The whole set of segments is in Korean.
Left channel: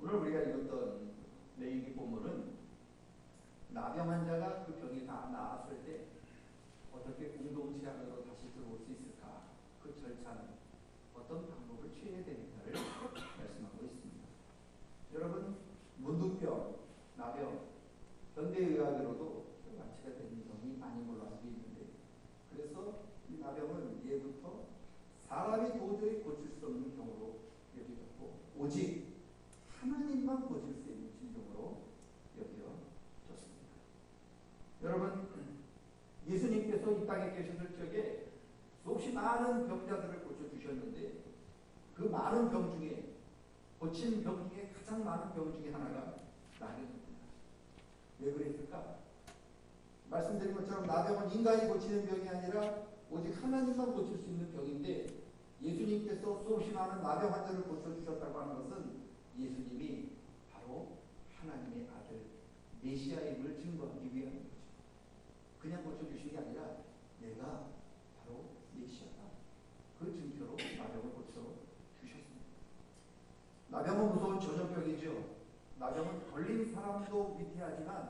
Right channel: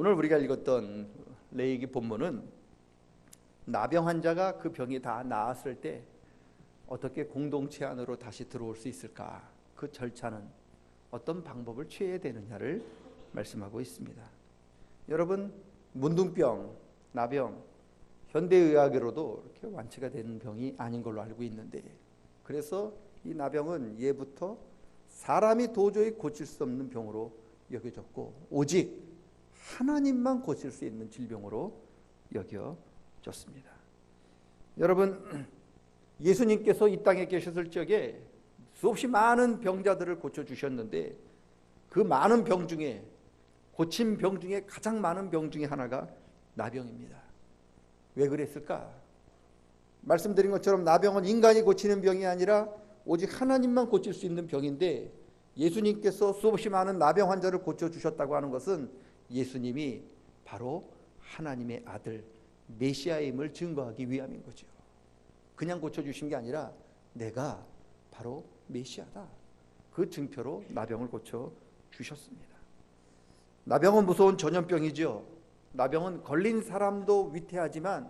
오늘 우리가 읽었던 레위기 본문은 나병 환자가 그 병이 다 나았을 때 어떻게 공동체 안으로 다시 들어올 수 있을까? 그 절차는 어떤 방법을 취해야 되느냐를 말씀하고 있습니다. 여러분, 문둥병, 나병, 현대의학으로도 이렇게 완치가 되는 병이 아닌 걸로 알고 있는데, 그래서 이 나병은 예부터 사람이 도저히 고칠 수 없는 병으로 여겨졌고 오직 하나님만 고칠 수 있는 질병으로 여겨졌습니다. 여러분, 예수님께서 이 땅에 계셨을 적에 수없이 많은 병자들을 고쳐주셨는데 그 많은 병 중에, 고친 병 중에 가장 많은 병 중에 하나가 나병입니다. 왜 그랬을까? 말씀드린 것처럼 나병은 인간이 고치는 병이 아니라 오직 하나님만 고칠 수 있는 병인데, 예수님께서 수없이 많은 나병 환자를 고쳐주셨다고 하는 것은 예수님이 바로 하나님의 아들 메시아임을 증거하기 위함인 거죠. 그냥 고쳐주신 게 아니라 내가 바로 메시아다, 그 증표로 나병을 고쳐주셨습니다. 나병은 무서운 전염병이죠. 나병은 걸린 사람도 위태하지만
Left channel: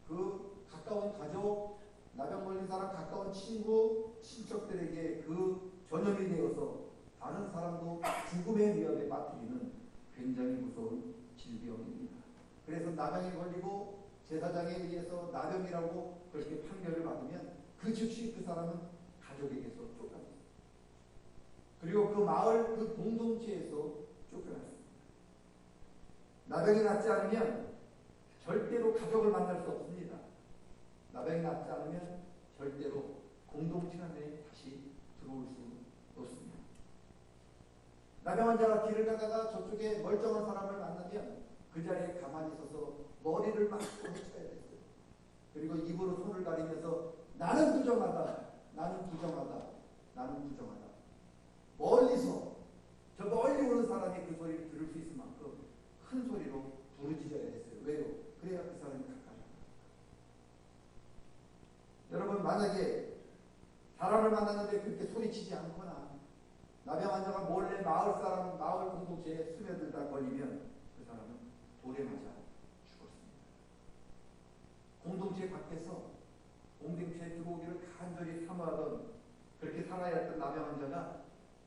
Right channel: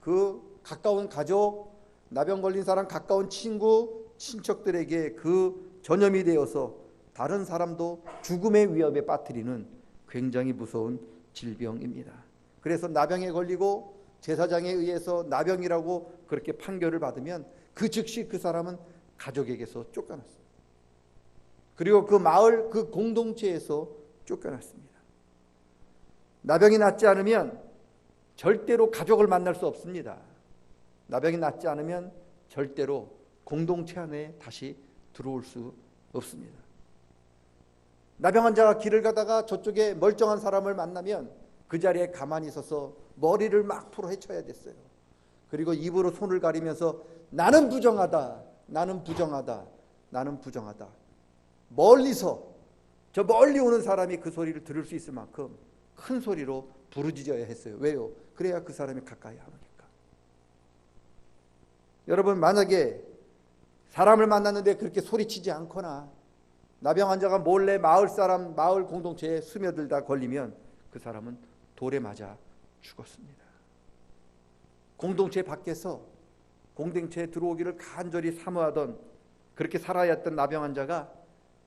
그 가까운 가족, 나병 걸린 사람 가까운 친구, 친척들에게 그 전염이 되어서 다른 사람도 죽음의 위협에 빠뜨리는 굉장히 무서운 질병입니다. 그래서 나병에 걸리고 제사장에 의해서 나병이라고 그렇게 판결을 받으면 그 즉시 그 사람은 가족에게서 쫓겨났습니다. 그리고 그 마을, 그 공동체에서 쫓겨났습니다. 나병이 낫지 않으면 절대로 가족을 만날 수 없습니다. 나병이 낫지 않으면 절대로 공동체 안에 다시 들어올 수 없습니다. 나병 환자가 길을 가다가 저쪽에 멀쩡한 사람을 만나면 그 자리에 가만히 서서 머리를 막 풀어 헤쳐야 됐어요. 그리고 입으로 손을 가리면서 나는 부정하다, 나는 부정하다, 나는 부정하다. 멀리서, 저 멀리 오는 사람이 그 소리를 들을 수 있을 만큼 큰 소리로 부르짖어야 했어요. 왜요? 그래야 그 사람이 가까이 하니까. 여러분, 만약에 사람을 만났는데 그렇게 소리치지 않거나 나병 환자가 몰래 마을 사람, 마을 공동체에 스며들다 걸리면 그 사람은 돌에 맞아 죽었습니다. 공동체 밖에서 공동체에 들어오기를 간절히 사모하던, 그렇게 살아야 했던 나병 환자가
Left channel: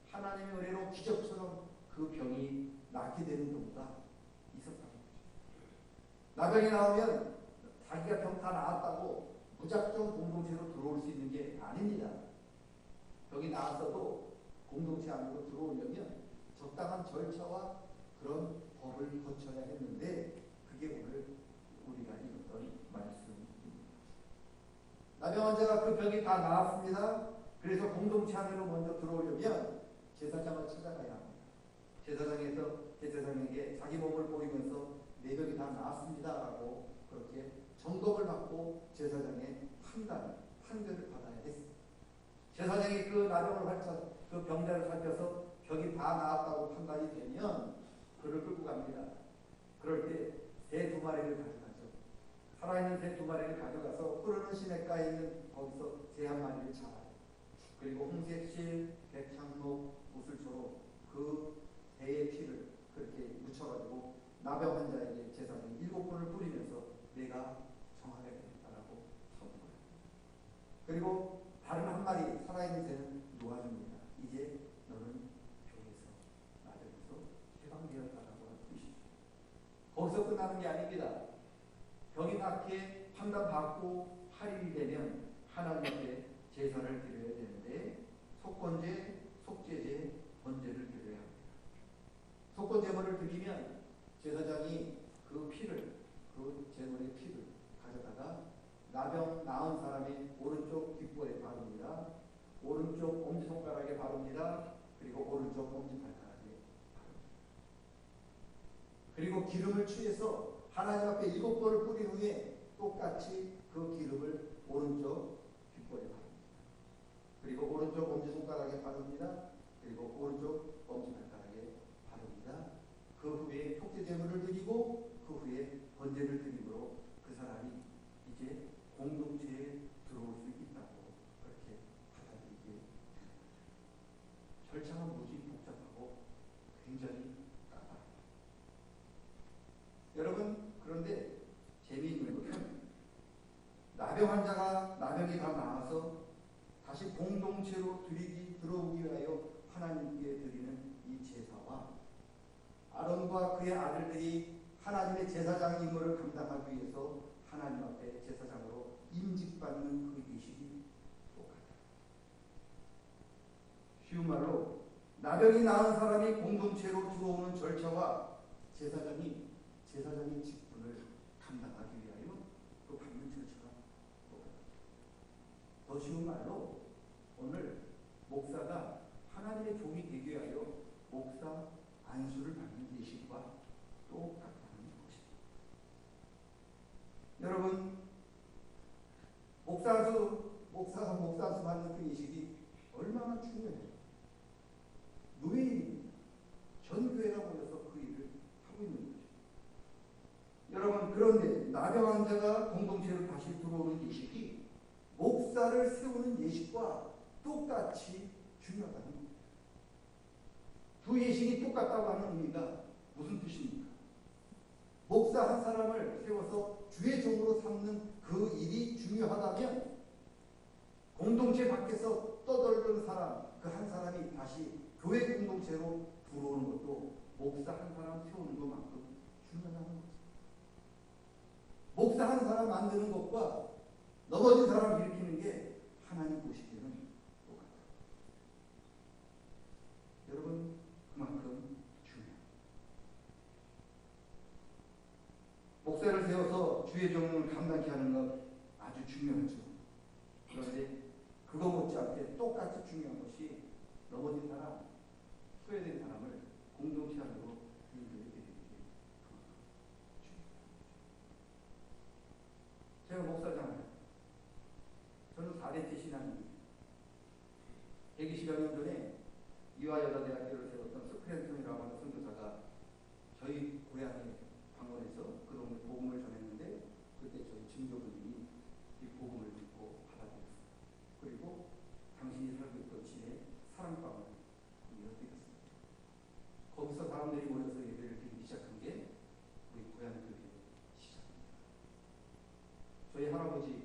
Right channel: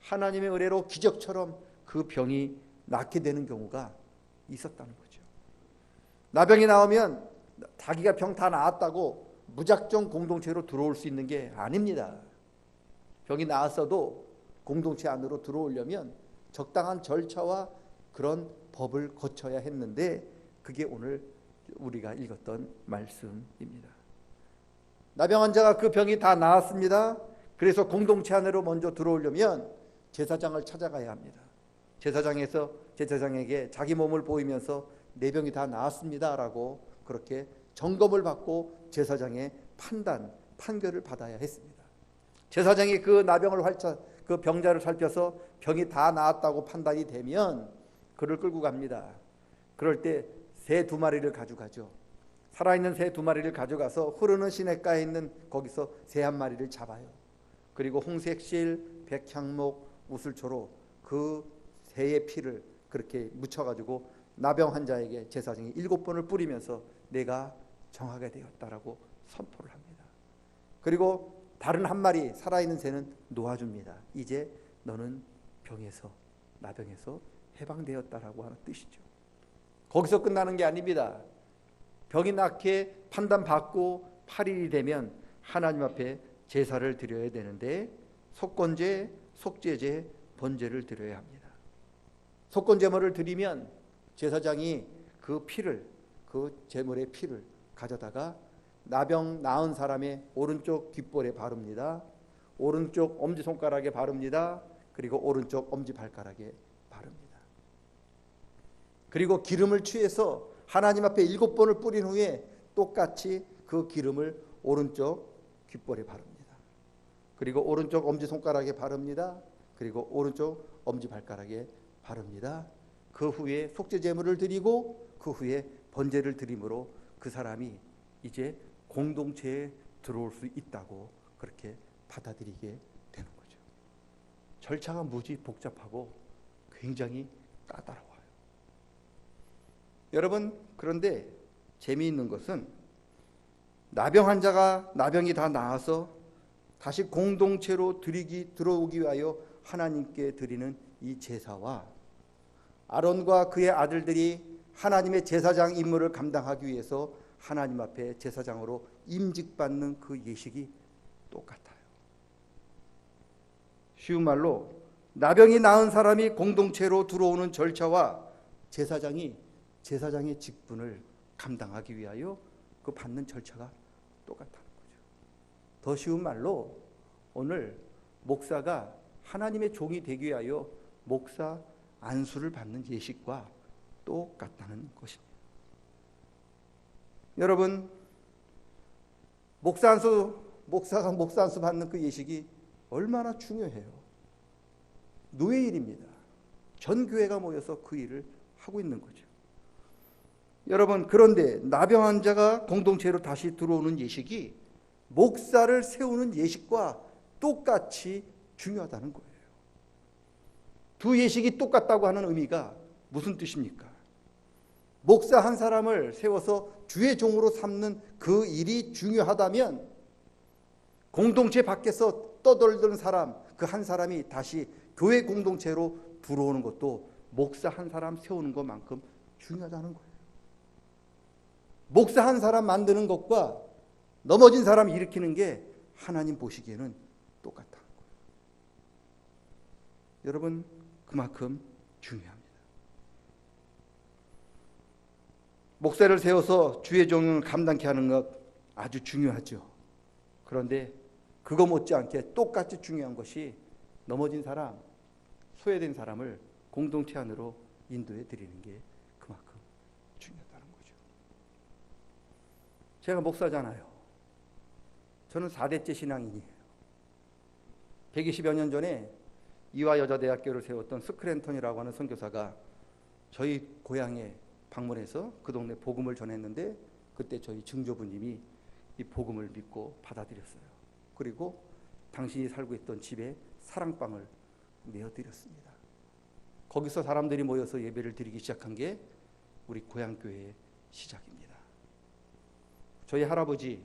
하나님의 은혜로 기적처럼 그 병이 낫게 되는 경우가 있었다는 거죠. 나병이 나오면 자기가 병 다 나았다고 무작정 공동체로 들어올 수 있는 게 아닙니다. 병이 나았어도 공동체 안으로 들어오려면 적당한 절차와 그런 법을 거쳐야 했는데, 그게 오늘 우리가 읽었던 말씀입니다. 나병 환자가 그 병이 다 나았습니다. 그래서 공동체 안으로 먼저 들어오려면 제사장을 찾아가야 합니다. 제사장에게 자기 몸을 보이면서 내 병이 다 나았습니다 라고 그렇게 점검을 받고 제사장의 판결을 받아야 했습니다. 제사장이 그 나병을 그 병자를 살펴서 병이 다 나았다고 판단이 되면 그를 끌고 갑니다. 그럴 때 새 2마리를 가져가죠. 살아있는 새 2마리를 가져가서 흐르는 시냇가에 있는 거기서 새 1마리를 잡아요. 그리고 홍색실, 백향목, 우슬초로 그 새의 피를 그렇게 묻혀가지고 나병 환자에게 제사장이 7번을 뿌리면서 내가 정하게 되었다라고 선포를 합니다. 그리고 다른 1마리 살아있는 새는 놓아줍니다. 이제 너는 나병에서 해방되었다라고 하는 뜻이죠. 거기서 끝나는 게 아닙니다. 병이 낫게 판단받고 8일이 되면 하나님 앞에 제사를 드려야 되는데 속건제, 속죄제, 번제를 드려야 합니다. 속건제물을 드리면 제사장이 그 피를, 그 제물의 피를 가져다가 나병 나은 사람의 오른쪽 귓볼에 바릅니다. 오른쪽 엄지손가락에 바릅니다. 그리고 오른쪽 엄지발가락에 바릅니다. 그리고 기름을 취해서 하나님 앞에 7번을 뿌린 후에 똑같이 그 기름을 오른쪽 귓볼에 바릅니다. 그리고 오른쪽 엄지손가락에 바릅니다. 그리고 오른쪽 엄지발가락에 바릅니다. 그 후에 속죄제물을 드리고 그 후에 번제를 드림으로 그 사람이 이제 공동체에 들어올 수 있다고 그렇게 받아들이게 되는 거죠. 절차가 무지 복잡하고 굉장히 까다로워요. 여러분, 그런데 재미있는 것은 나병 환자가 나병이 다 나아서 다시 공동체로 들어오기 위하여 하나님께 드리는 이 제사와 아론과 그의 아들들이 하나님의 제사장 임무를 감당하기 위해서 하나님 앞에 제사장으로 임직받는 그 예식이 똑같아요. 쉬운 말로 나병이 나은 사람이 공동체로 들어오는 절차와 제사장의 직분을 감당하기 위하여 그 받는 절차가 똑같다는 거죠. 더 쉬운 말로 오늘 목사가 하나님의 종이 되기 위하여 목사 안수를 받는 예식과 똑같다는 것입니다. 여러분, 목사가 목사 안수 받는 그 예식이 얼마나 중요해요. 노예 일입니다. 전 교회가 모여서 그 일을 하고 있는 거죠. 여러분, 그런데 나병 환자가 공동체로 다시 들어오는 예식이 목사를 세우는 예식과 똑같이 중요하다는 거예요. 두 예식이 똑같다고 하는 의미가 무슨 뜻입니까? 목사 한 사람을 세워서 주의 종으로 삼는 그 일이 중요하다면 공동체 밖에서 떠돌던 사람, 그 한 사람이 다시 교회 공동체로 들어오는 것도 목사 한 사람 세우는 것만큼 중요하다는 거예요. 목사 한 사람 만드는 것과 넘어진 사람 일으키는 게 하나님 보시기에는 똑같다. 여러분, 그만큼 중요합니다. 목사를 세워서 주의 종을 감당케 하는 것 아주 중요하죠. 그런데 그거 못지않게 똑같이 중요한 것이 넘어진 사람, 소외된 사람을 공동체 안으로 인도해 드리는 게 그만큼 중요하다는 거죠. 제가 목사잖아요. 저는 4대째 신앙인이에요. 120여 년 전에 이화여자대학교를 세웠던 스크랜턴이라고 하는 선교사가 저희 고향에 방문해서 그 동네 복음을 전했는데 그때 저희 증조부님이 이 복음을 믿고 받아들였어요. 그리고 당신이 살고 있던 집에 사랑방을 내어드렸습니다. 거기서 사람들이 모여서 예배를 드리기 시작한 게 우리 고향교회의 시작입니다. 저희 할아버지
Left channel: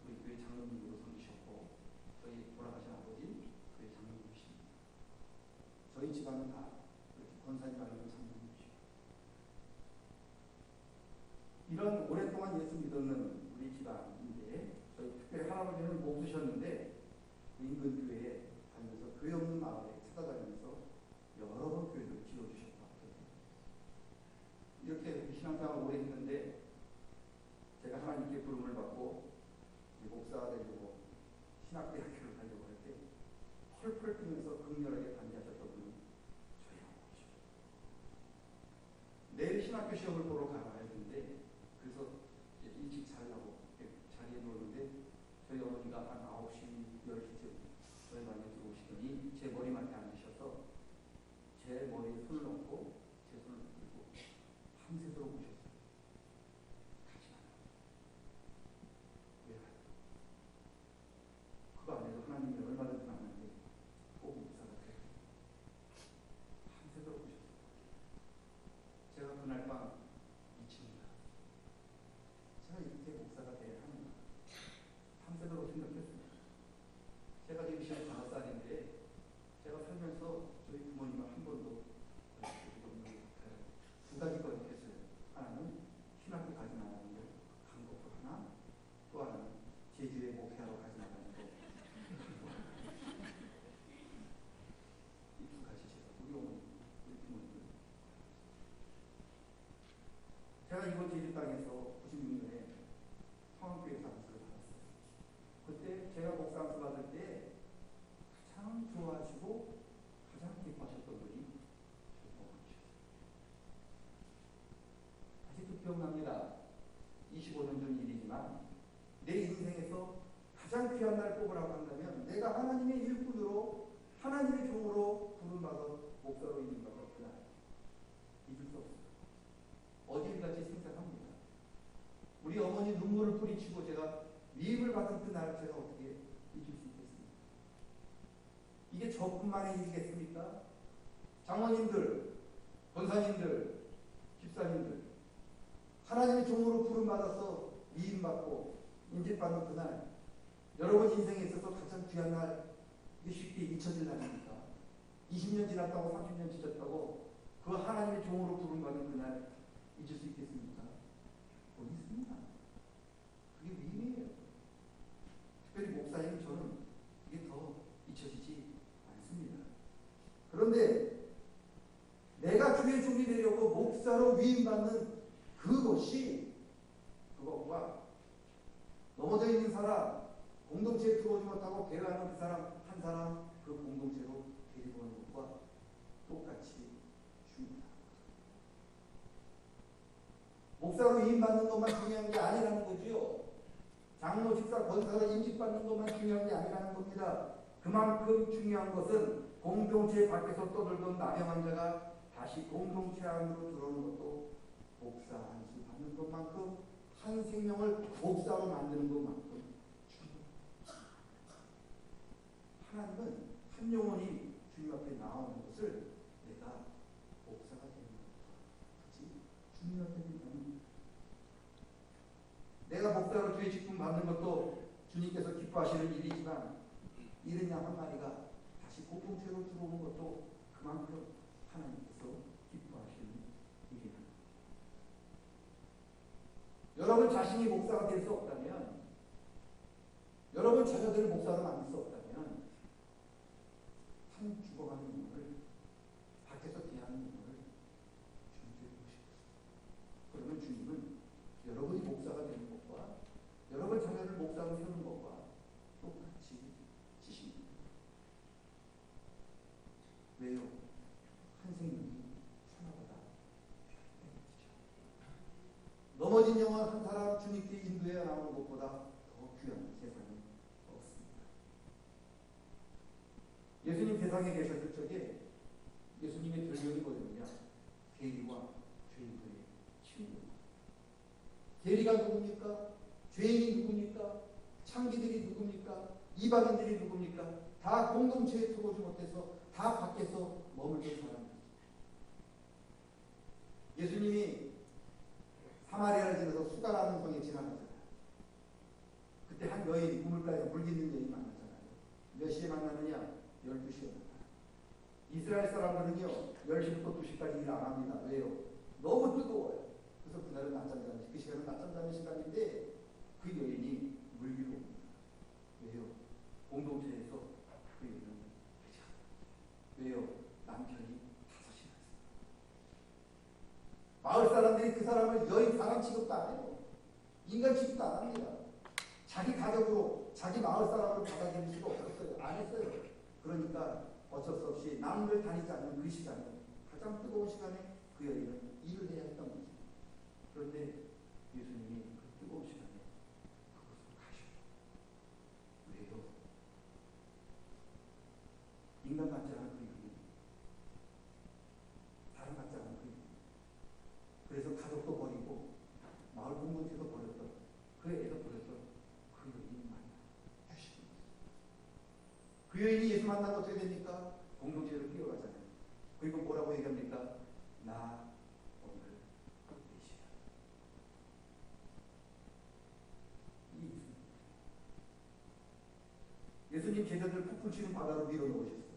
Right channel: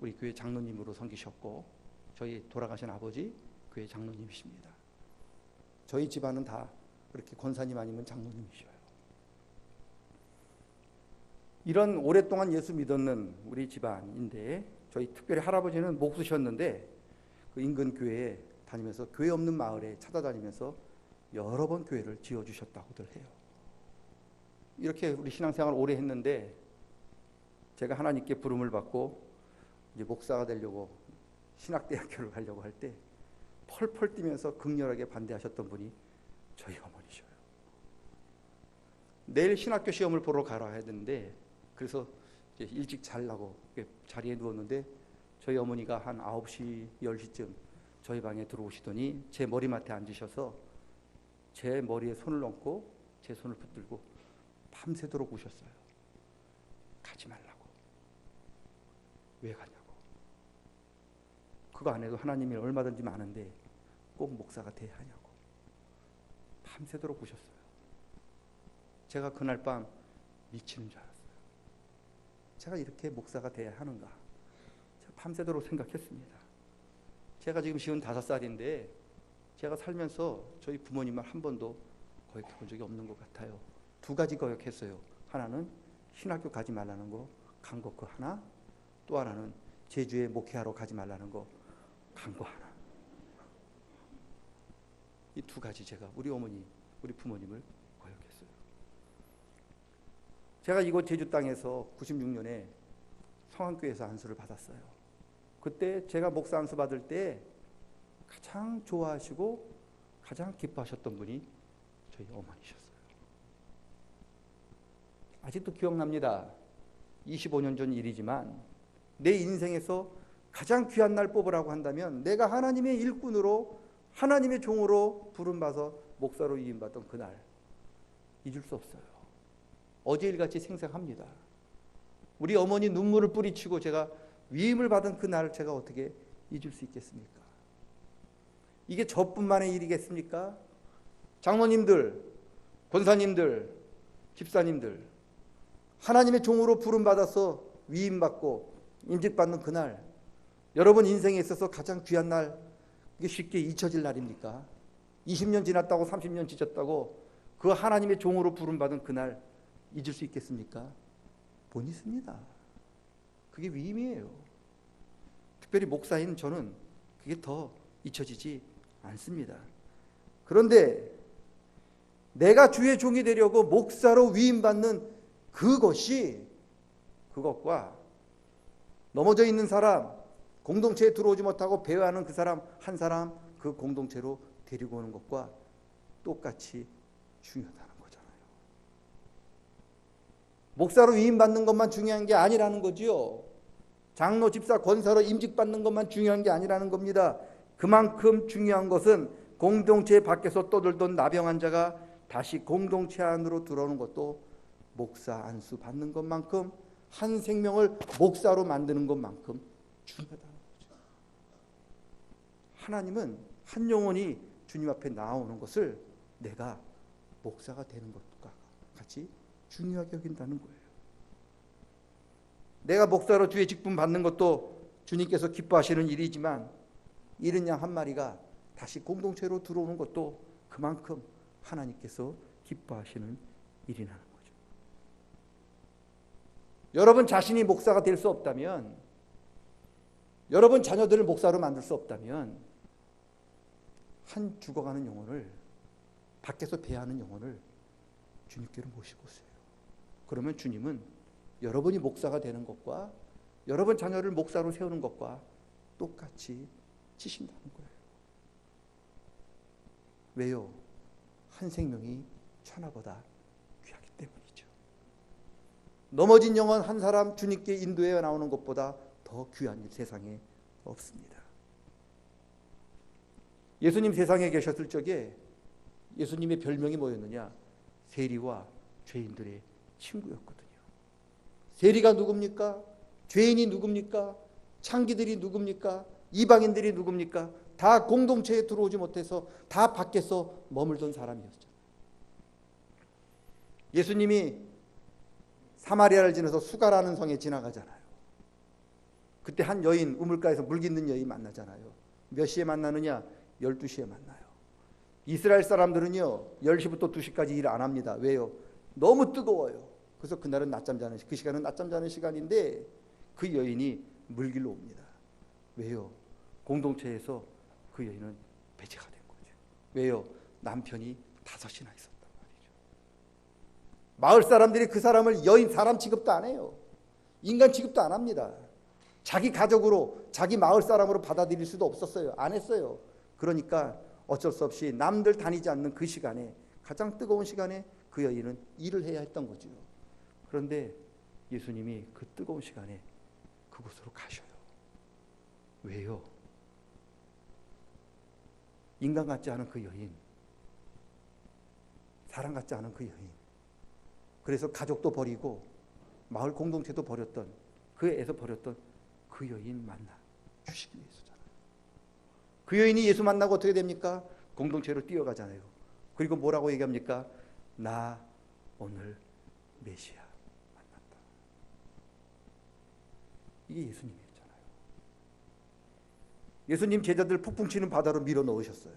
우리 교회 장로님으로 섬기셨고 저희 돌아가신 아버지 교회 장로님이십니다. 저희 집안은 다 그렇게 권사님 아니면 장로님이셔요. 이런 오랫동안 예수 믿었는 우리 집안인데 저희 특별히 할아버지는 목수셨는데 그 인근 교회에 다니면서 교회 없는 마을에 찾아다니면서 여러 번 교회를 지어주셨다고들 해요. 이렇게 우리 신앙생활 오래 했는데 제가 하나님께 부름을 받고 이제 목사가 되려고 신학대학교를 가려고 할 때 펄펄 뛰면서 극렬하게 반대하셨던 분이 저희 어머니셔요. 내일 신학교 시험을 보러 가라 했는데 그래서 이제 일찍 자려고 자리에 누웠는데 저희 어머니가 한 9시, 10시쯤 저희 방에 들어오시더니 제 머리맡에 앉으셔서 제 머리에 손을 얹고 제 손을 붙들고 밤새도록 우셨어요. 가지 말라고. 왜 가냐고. 그거 안 해도 하나님이 얼마든지 많은데 꼭 목사가 돼야 하냐고. 밤새도록 우셨어요. 제가 그날 밤 미치는 줄 알았어요. 제가 이렇게 목사가 돼야 하는가. 제가 밤새도록 생각했습니다. 제가 지금 55살인데 제가 살면서 저희 부모님을 한 번도 거역한 적이 없는 것 같아요. 2가지 거역했어요. 하나는 신학교 가지 말라는 거, 간 거 그 하나. 또 하나는 제주에 목회하러 가지 말라는 거, 간 거 하나. 이 2가지 제가 우리 어머니, 우리 부모님을 거역했어요. 제가 이곳 제주 땅에서 96년에 성안교회에서 안수를 받았어요. 그때 제가 목사 안수 받을 때 가장 좋아하시고 가장 기뻐하셨던 분이 저희 어머니셨어요. 아직도 기억납니다. 25년 전 일이지만 내 인생에서 가장 귀한 날 뽑으라고 한다면 내가 하나님의 일꾼으로 하나님의 종으로 부름받아서 목사로 이임받던 그날 잊을 수 없어요. 어제 일같이 생생합니다. 우리 어머니 눈물을 뿌리치고 제가 위임을 받은 그날 제가 어떻게 잊을 수 있겠습니까? 이게 저뿐만의 일이겠습니까? 장모님들, 권사님들, 집사님들, 하나님의 종으로 부름받아서 위임받고 임직받는 그날, 여러분 인생에 있어서 가장 귀한 날, 이게 쉽게 잊혀질 날입니까? 20년 지났다고 30년 지쳤다고 그 하나님의 종으로 부름받은 그날 잊을 수 있겠습니까? 못 잊습니다. 그게 위임이에요. 특별히 목사인 저는 그게 더 잊혀지지 않습니다. 그런데 내가 주의 종이 되려고 목사로 위임받는 그것과 넘어져 있는 사람, 공동체에 들어오지 못하고 배회하는 그 사람 한 사람 그 공동체로 데리고 오는 것과 똑같이 중요하다는 거잖아요. 목사로 위임받는 것만 중요한 게 아니라는 거지요. 장로, 집사, 권사로 임직받는 것만 중요한 게 아니라는 겁니다. 그만큼 중요한 것은 공동체 밖에서 떠들던 나병 환자가 다시 공동체 안으로 들어오는 것도 목사 안수 받는 것만큼, 한 생명을 목사로 만드는 것만큼 중요하다. 하나님은 한 영혼이 주님 앞에 나오는 것을 내가 목사가 되는 것과 같이 중요하게 여긴다는 거예요. 내가 목사로 주의 직분 받는 것도 주님께서 기뻐하시는 일이지만, 이른 양 한 마리가 다시 공동체로 들어오는 것도 그만큼 하나님께서 기뻐하시는 일이라는 거죠. 여러분 자신이 목사가 될 수 없다면, 여러분 자녀들을 목사로 만들 수 없다면, 한 죽어가는 영혼을, 밖에서 배회하는 영혼을 주님께로 모시고 오세요. 그러면 주님은 여러분이 목사가 되는 것과 여러분 자녀를 목사로 세우는 것과 똑같이 치신다는 거예요. 왜요? 한 생명이 천하보다 귀하기 때문이죠. 넘어진 영혼 한 사람 주님께 인도해 나오는 것보다 더 귀한 일 세상에 없습니다. 예수님 세상에 계셨을 적에 예수님의 별명이 뭐였느냐? 세리와 죄인들의 친구였거든요. 세리가 누굽니까? 죄인이 누굽니까? 창기들이 누굽니까? 이방인들이 누굽니까? 다 공동체에 들어오지 못해서 다 밖에서 머물던 사람이었죠. 예수님이 사마리아를 지나서 수가라는 성에 지나가잖아요. 그때 한 여인, 우물가에서 물 깃는 여인 만나잖아요. 몇 시에 만나느냐? 12시에 만나요. 이스라엘 사람들은요 10시부터 2시까지 일 안 합니다. 왜요? 너무 뜨거워요. 그래서 그날은 낮잠 자는 그 시간은 낮잠 자는 시간인데 그 여인이 물길로 옵니다. 왜요? 공동체에서 그 여인은 배제가 된 거죠. 왜요? 남편이 5이나 있었단 말이죠. 마을 사람들이 그 사람을 여인 사람 취급도 안 해요. 인간 취급도 안 합니다. 자기 가족으로, 자기 마을 사람으로 받아들일 수도 없었어요. 안 했어요. 그러니까 어쩔 수 없이 남들 다니지 않는 그 시간에, 가장 뜨거운 시간에 그 여인은 일을 해야 했던 거죠. 그런데 예수님이 그 뜨거운 시간에 그곳으로 가셔요. 왜요? 인간 같지 않은 그 여인, 사람 같지 않은 그 여인, 그래서 가족도 버리고 마을 공동체도 버렸던, 그 애에서 버렸던 그 여인 만나 주시기 위해서잖아요. 그 여인이 예수 만나고 어떻게 됩니까? 공동체로 뛰어가잖아요. 그리고 뭐라고 얘기합니까? 나 오늘 메시아 만났다. 이게 예수님이잖아요. 예수님 제자들 폭풍 치는 바다로 밀어 넣으셨어요.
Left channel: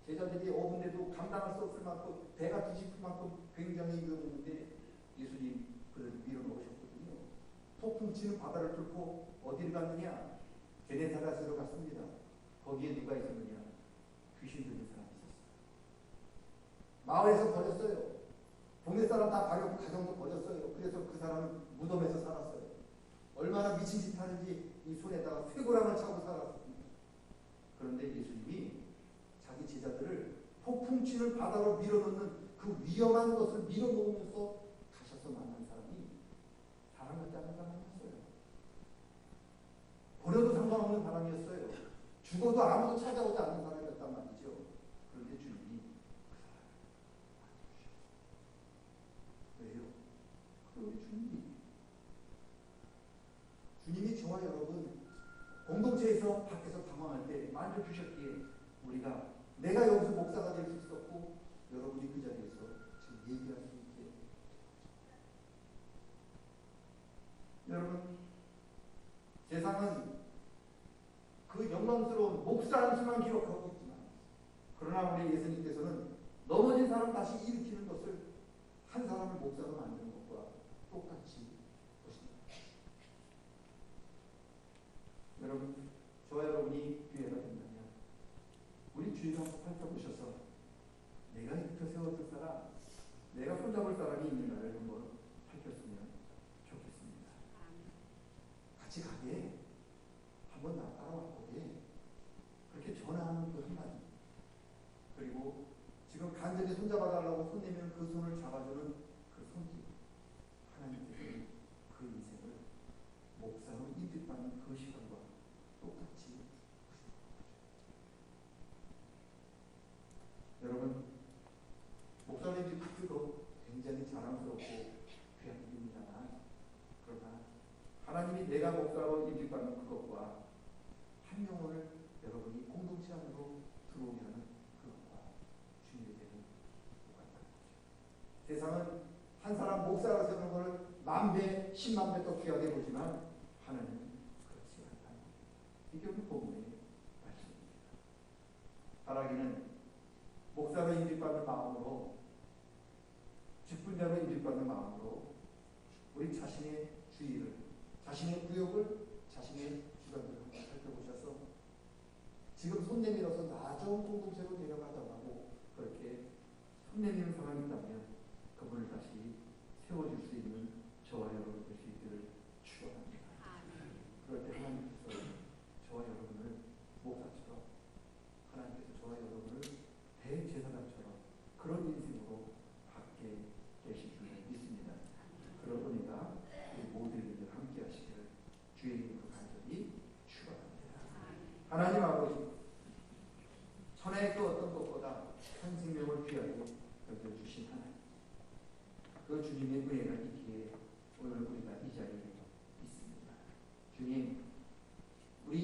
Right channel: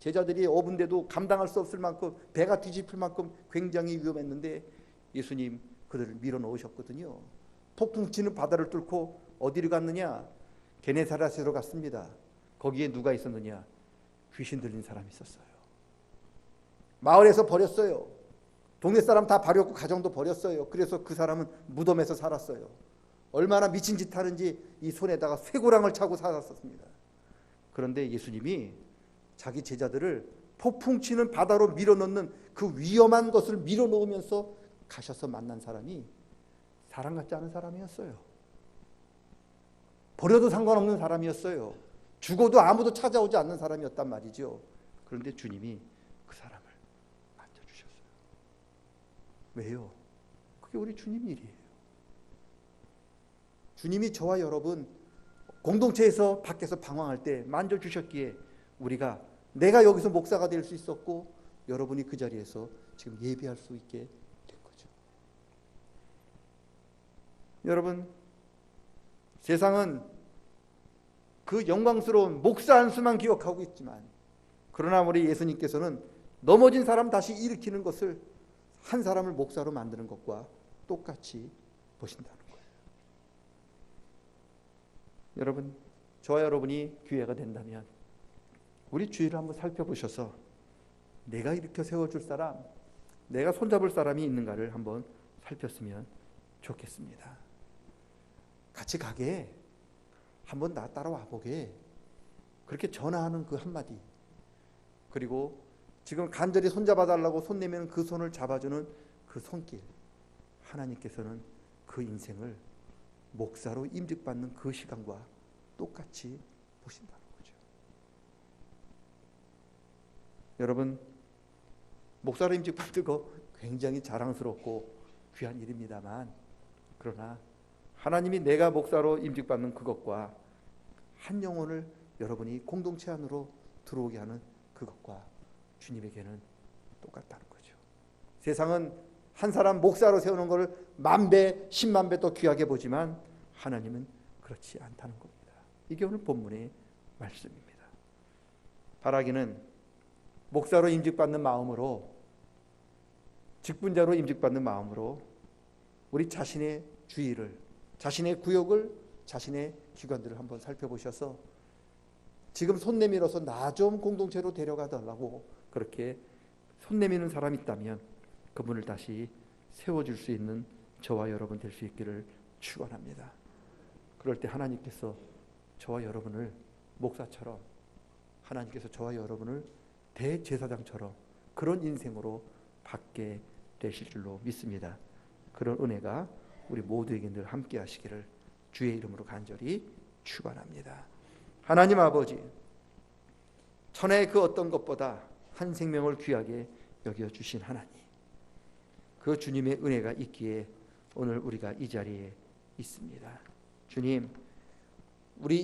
제자들이 어분데도 감당할 수 없을 만큼, 배가 뒤집힐 만큼 굉장히 위험했는데 예수님 그들을 밀어 넣으셨거든요. 폭풍 치는 바다를 뚫고 어디로 갔느냐? 게네사렛으로 갔습니다. 거기에 누가 있었느냐? 귀신 들린 사람이 있었어요. 마을에서 버렸어요. 동네 사람 다 버렸고 가정도 버렸어요. 그래서 그 사람은 무덤에서 살았어요. 얼마나 미친 짓 하는지 이 손에다가 쇠고랑을 차고 살았습니다. 그런데 예수님이 자기 제자들을 폭풍 치는 바다로 밀어넣는 그 위험한 것을 밀어놓으면서 가셔서 만난 사람이 사람 같지 않은 사람이었어요. 버려도 상관없는 사람이었어요. 죽어도 아무도 찾아오지 않는 사람이었단 말이죠. 그런데 주님이 그 사람을 만져주셨어요. 왜요? 그게 우리 주님 일이에요. 주님이 저와 여러분 공동체에서 밖에서 방황할 때 만져주셨기에 우리가, 내가 여기서 목사가 될 수 있었고 여러분이 그 자리에서 지금 예배할 수 있게 됐다는 여러분, 세상은 그 영광스러운 목사 한 수만 기억하고 있지만, 그러나 우리 예수님께서는 넘어진 사람 다시 일으키는 것을 한 사람을 목사로 만드는 것과 똑같이 보신다는 거예요. 여러분, 저와 여러분이 기회가 된다면 우리 주위를 한번 살펴보셔서 내가 일으켜 세워줄 사람, 내가 손잡을 사람이 있는가를 한번 살폈으면 좋겠습니다. 같이 가게, 한번 나 따라와 보게, 그렇게 전화하는 그 한마디, 그리고 지금 간절히 손잡아 달라고 손 내미는 그 손을 잡아주는 그 손길, 하나님께서는 그 인생을 목사로 임직받는 그 시간과 똑같이 보신다는 거죠. 여러분, 목사로 임직받는 거 굉장히 자랑스럽고 귀한 일입니다만, 그러나 하나님이 내가 목사로 임직받는 그것과 한 영혼을 여러분이 공동체 안으로 들어오게 하는 그것과 주님에게는 똑같다는 거죠. 세상은 한 사람 목사로 세우는 것을 10,000배, 100,000배 또 귀하게 보지만 하나님은 그렇지 않다는 겁니다. 이게 오늘 본문의 말씀입니다. 바라기는 목사로 임직받는 마음으로, 직분자로 임직받는 마음으로 우리 자신의 주의를, 자신의 구역을, 자신의 주관들을 한번 살펴보셔서 지금 손 내밀어서 나 좀 공동체로 데려가달라고 그렇게 손 내미는 사람이 있다면 그분을 다시 세워줄 수 있는 저와 여러분 될 수 있기를 축원합니다. 그럴 때 하나님께서 저와 여러분을 목사처럼, 하나님께서 저와 여러분을 대제사장처럼 그런 인생으로 받게 되실 줄로 믿습니다. 그런 은혜가 우리 모두에게 늘 함께 하시기를 주의 이름으로 간절히 축원합니다. 하나님 아버지, 천하의 그 어떤 것보다 한 생명을 귀하게 여겨주신 하나님, 그 주님의 은혜가 있기에 오늘 우리가 이 자리에 있습니다. 주님, 우리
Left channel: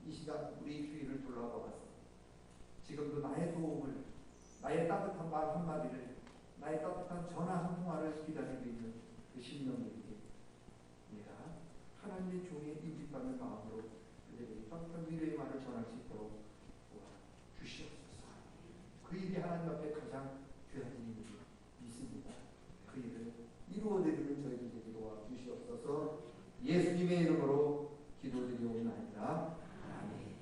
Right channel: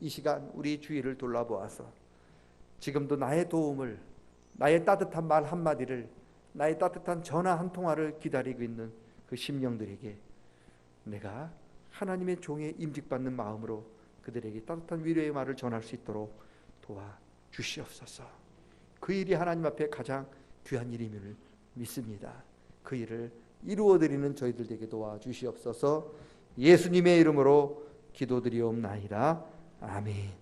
이 시간 우리 주위를 돌아보아서 지금도 나의 도움을, 나의 따뜻한 말 한마디를, 나의 따뜻한 전화 한 통화를 기다리고 있는 그 심령들에게 내가 하나님의 종에 임직받는 마음으로 그들에게 따뜻한 위로의 말을 전할 수 있도록 도와주시옵소서. 그 일이 하나님 앞에 가장 귀한 일임을 믿습니다. 그 일을 이루어드리는 저희들에게 도와주시옵소서. 예수님의 이름으로 기도드리옵나이다. 아멘.